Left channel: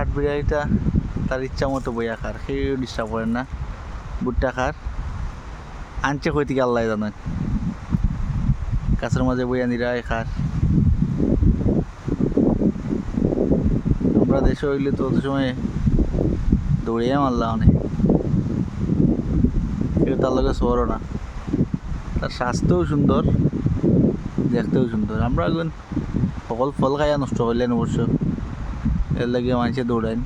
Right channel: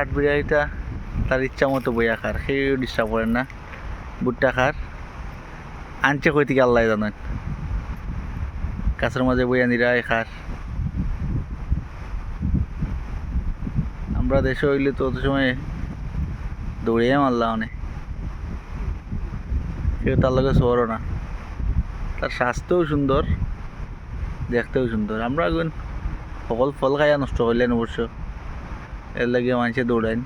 কাঠবিড়ালিটা তার ইচ্ছা মতো বইয়া খার, সেও ডিস্টার্ব করেন না। ভুট্টা খার আনছে কই থেকে আল্লাহ জানেন, গাছের মাঝে বইয়া নিরায় খার। আমরা দেশে হইলে তো অত সময় দৌড়িয়ে মারলাম অনেক, কেউ তার লগে শহরও না। তার স্বাস্থ্যও সুন্দর, দেখতেও সুন্দর। আমরা এখন সকল ফল খাইয়া নষ্ট করলেন অবশ্য, এর লাগে মানুষে দৌড়াইন।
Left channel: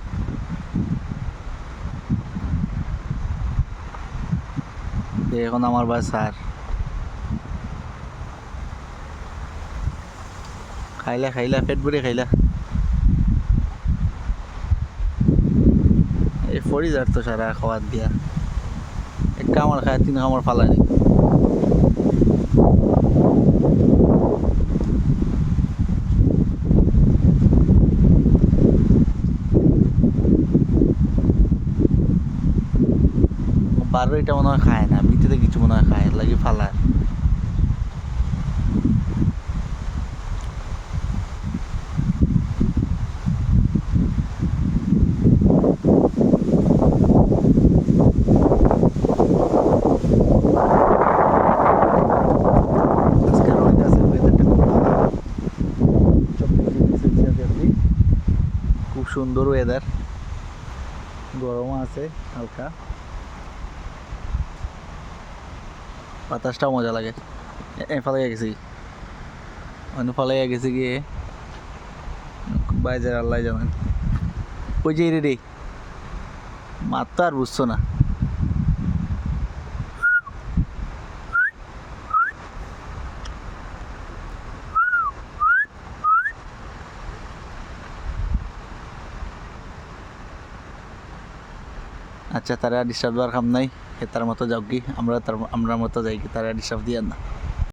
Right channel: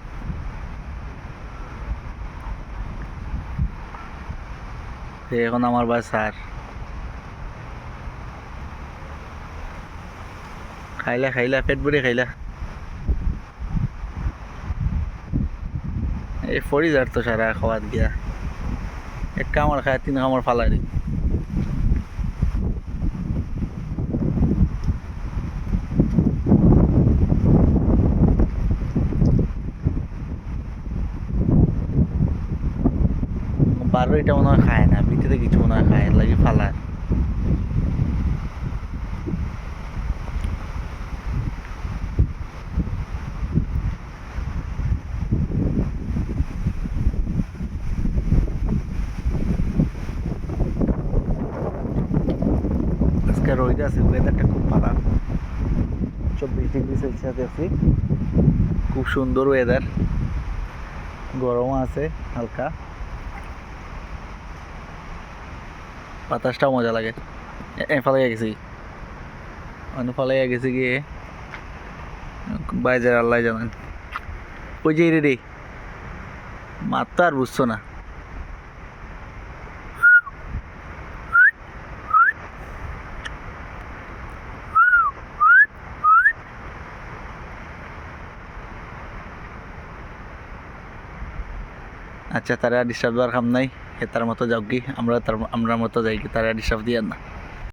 এখন আমার ভাই স্যার খাইলা খাইলা পেট ভরে খাইলা, এই ফরি যার তো সারা খাওয়াত গিয়া এক কামড় খায় 3 কামড় ফালাই। বারো এটা মনে হয় খায় না, ভিতরে কিছু মনে হয় খায়, এর লাগে ফালার। আজকে রোদ আছে, ওয়েদারটা খুব ভালো, 24 ডিগ্রি সেলসিয়াস দেখছি, খুব সুন্দর ওয়েদার। গরম আছে হালকা, বাতাসটাও মজা লাগে। ফালাইয়া গেছি, ফালাইয়া গেছি গিয়ে বাইজার আল্লাহ জানেন। ওই যে রে মাত্র আর বুঝছো না। আচ্ছা, তারা ডিস্টার্ব দেওয়ার কাম নাই, তার মতো যাও কি, আমরা মতো যাই কি, তারা ডিস্টার্ব দিয়ে না।